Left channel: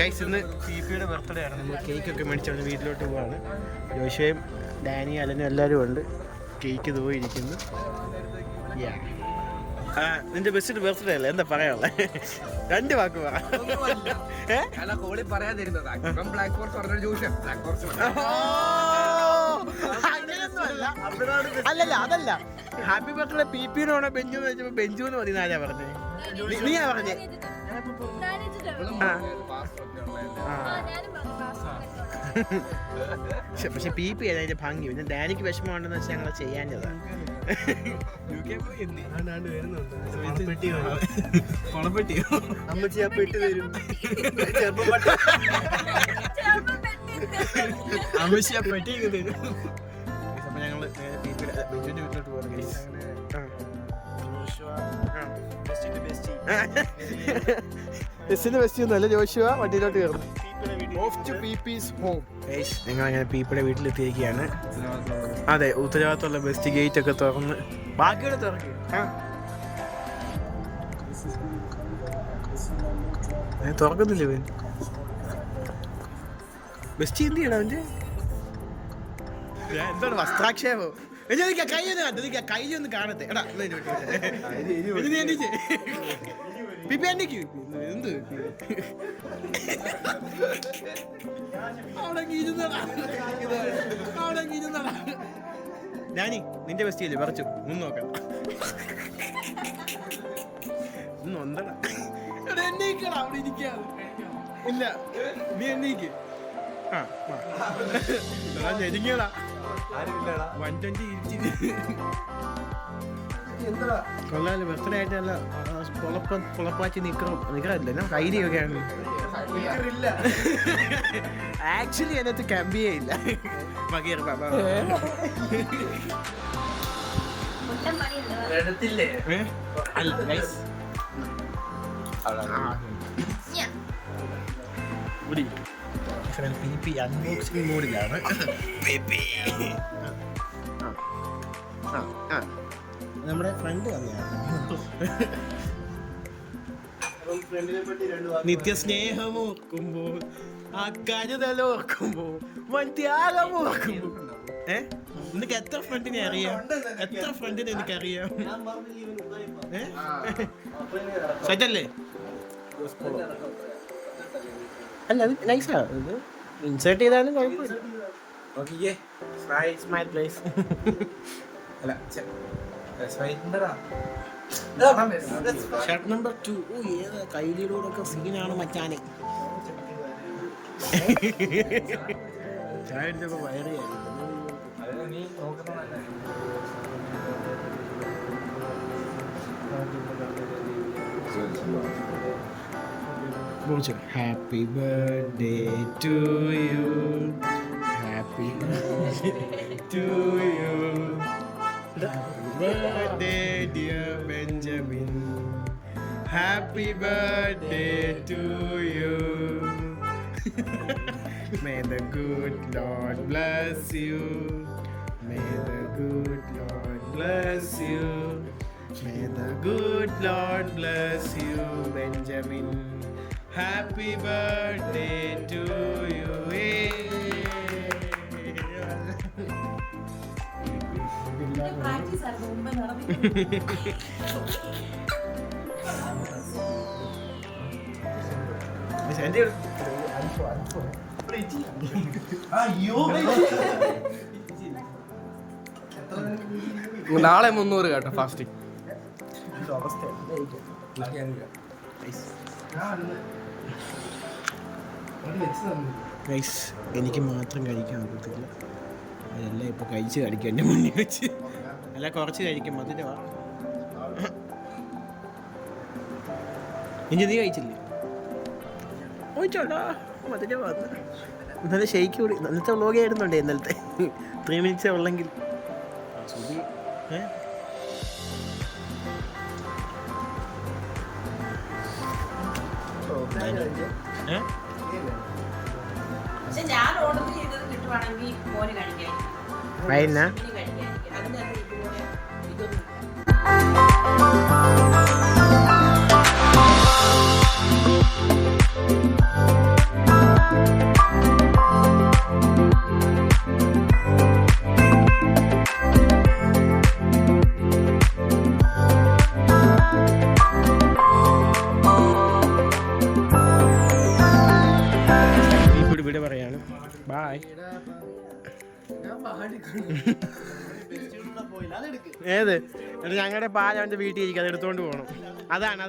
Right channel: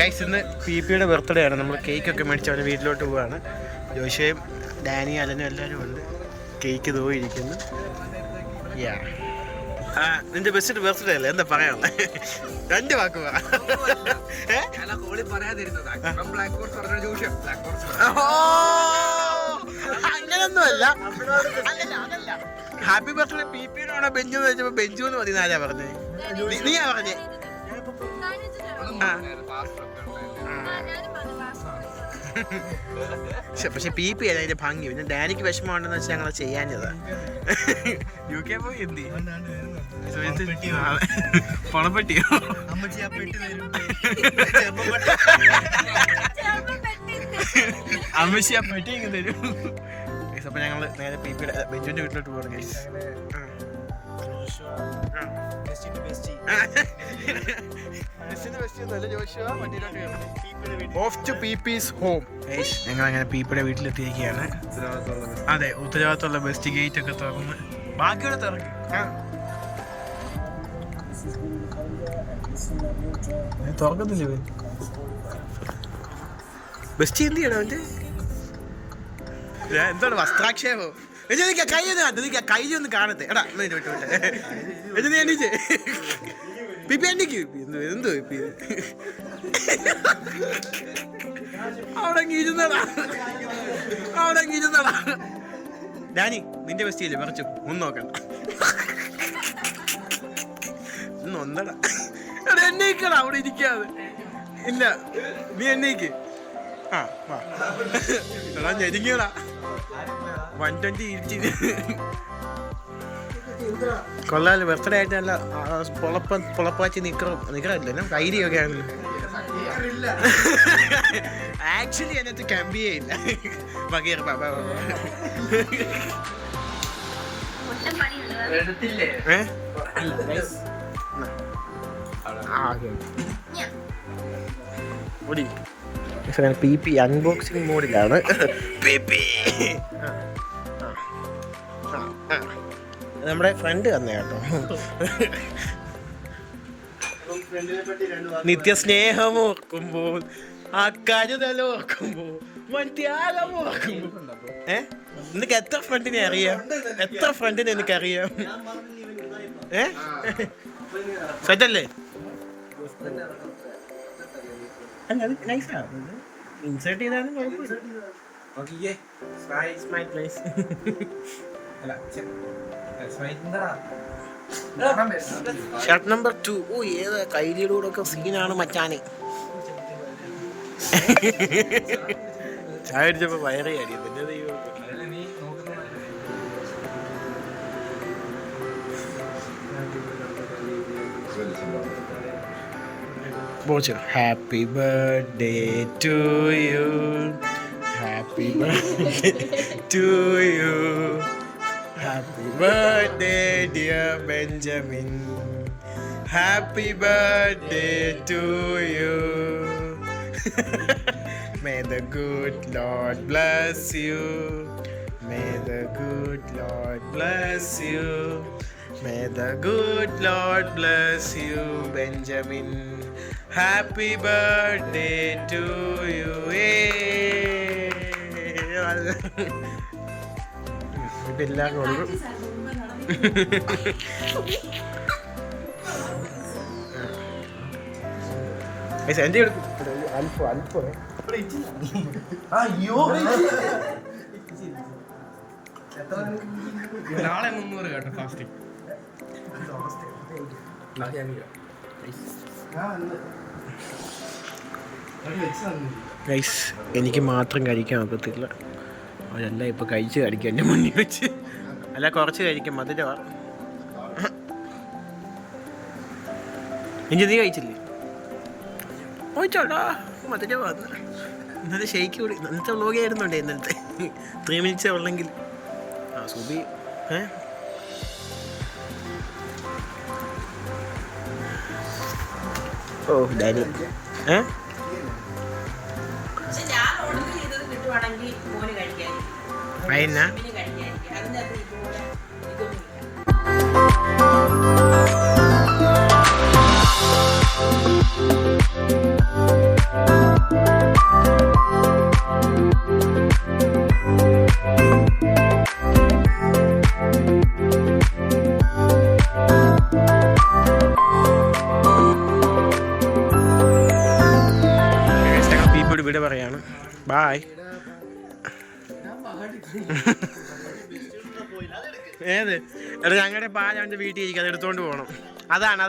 Guys ഇന്ന് പി.പിയുടെ birthday ആണ്. നമ്മൾ കേക്കൊക്കെ മേടിച്ച് അവൻ്റെ വീട്ടിലോട്ട് പോവാണ്. ജോഷയും ഡാനി അലനും എല്ലാവരും ഉണ്ട്. കേക്ക് തോന്നിയിരിക്കുന്നു. നിന്റെ ബെസ്റ്റ് ബർത്ത്ഡേ അല്ലേ? എന്താ പറയാനുള്ള 2 വാക്ക് പറ. അങ്ങനൊന്നും അല്ല. അതല്ല ഹാപ്പി ബർത്ത്ഡേ പി.പിന്നോണോ ബെഞ്ചു എന്ന് വെച്ചപ്പോ ബെഞ്ചു എന്ന് മതി. ആരാ പറഞ്ഞേ? നീയാ പറഞ്ഞേ? പക്ഷെ പി.പി അല്ല അതിന്റെ ഭംഗി. പിന്നെ ഡാനിക്ക് വിഷമമുണ്ടെന്ന് വെച്ചാൽ ഞങ്ങൾ ചെയ്യാഞ്ഞതാ. UK പോയി എന്തി പണപ്പെട്ടിയോ? അമ്മച്ചി ആ പെട്ടി ഇങ്ങ് തരും. അപ്പൊ ഞങ്ങള് നേരെ പി.പിയുടെ ബെഞ്ചുവിന്റെ വീട്ടിലോട്ട് പോകണം. ഗൈസ് നല്ല ജോഷുവ വണ്ടിയിലോട്ട് കയറും. Off to PP's home. ഞങ്ങൾ അങ്ങനെ പി.പിയുടെ വീട്ടിലെത്തിയിരിക്കുകയാണ്. അതെ, ഉത്തരവാദിത്തമുള്ള ബെസ്റ്റ് ഗേറ്റ് ഒക്കെ തുറന്ന് ബാക്കിയോടെ തുറക്കും. തുറക്കുന്നില്ല ഇവൻ. ബെസ്റ്റ് എന്ത് ചെയ്യണം അവൻ്റെ? എന്താണ് വസ്ത്രാക്ഷേപം? കൈ ഒന്ന് കാട്ടു. കൈ ഒന്ന് കാണട്ടെ. എടാ വിട്ടു എണീച്ചേ. പി.പി എണ്ണിക്ക് എന്തോ അവിടെ ഇരുന്നടാ. ഡാനി നിന്റെ ബെസ്റ്റ് ഇല്ലേ? പറിച്ചു ഒന്ന് നോക്കണ്ട. ഒന്നടാ എണ്ണീക്കടാ. അവിടെ ഇരിക്കാതെ ഇല്ല. നീ എണ്ണീക്ക്. എടാ ഞെരിങ്ങടാ. 120 ഇരിച്ചു. കൊള്ളാല്. ബർത്ത്ഡേ ആയിട്ട് നല്ല പൊളപ്പാച്ചി നിക്കറില്ല. ഐഡിയൊക്കെ ആണല്ലോ. ആക്ച്വലി അതിനകത്ത് കമ്പിയേ ഇല്ല. അല്ല പി.പി അൺബോക്സിംഗ് മോഡിലാണ്. നമ്മുടെ ഫ്രണ്ട് തന്നെ കേട്ടോ. നിത്യസ്നേഹമോർക്കുമ്പോൾ ആ കരുതലോർക്കുമ്പോൾ ത്യാഗമോർക്കുമ്പോൾ. നിനക്ക് എത്ര ഫ്രണ്ടിനെ അറിയാം? എത്ര ഫ്രണ്ടിനെ എനിക്കറിയാം? സെറ്റല്ലേ? അല്ല അത് നൈസാ. ഇത് ഇൻസേർട്ട് ചെയ്താലും കുഴപ്പമില്ല. Shirt number 2. ഓ ഏത് കൈലിയുടെ ഒക്കെ സീനാണ് മച്ചാനെ. ചായ അടിച്ചപ്പോ വയറേ അടി. പിന്നെ happy birthday to you. Happy birthday to you. Happy birthday dear Benjamin. Happy birthday to you. May the good Lord bless you. May the good Lord bless you. May the good Lord bless you Benjamin. Happy birthday to you. എല്ലാവരും നാളെ 300 കേട്ടോ fasting. എനിക്ക് മാത്രം കഴിക്കാൻ ഒക്കത്തില്ല. അതെല്ലാം ഇപ്പൊ കഴിച്ച് കഴിക്കും എൻ്റെ മുന്നിൽ വെച്ച്. അല്ല കുറച്ച് കഴിക്കും. മധുരവാ. ഇനി നീ കഴിച്ചില്ലേ? ഓച്ചാടാ മധുരവാ. ഇന്നലെ ഷെയ്ക്ക് കൂടി. ഇന്നത്തെ വ്ലോഗ് ആയിരുന്നുണ്ടേ ഇന്നലത്തെ. 3 minutes ഉള്ളെങ്കിൽ. സുബി ഓ ഡാഡി ഫൈന ബായ്. ഏത് എടാ ഞങ്ങളുടെ പാൽ അവൻ്റെ വീട്ടിൽ ഇരിക്കും, അത് എടുത്തോണ്ട് പോകണം. അതാണ്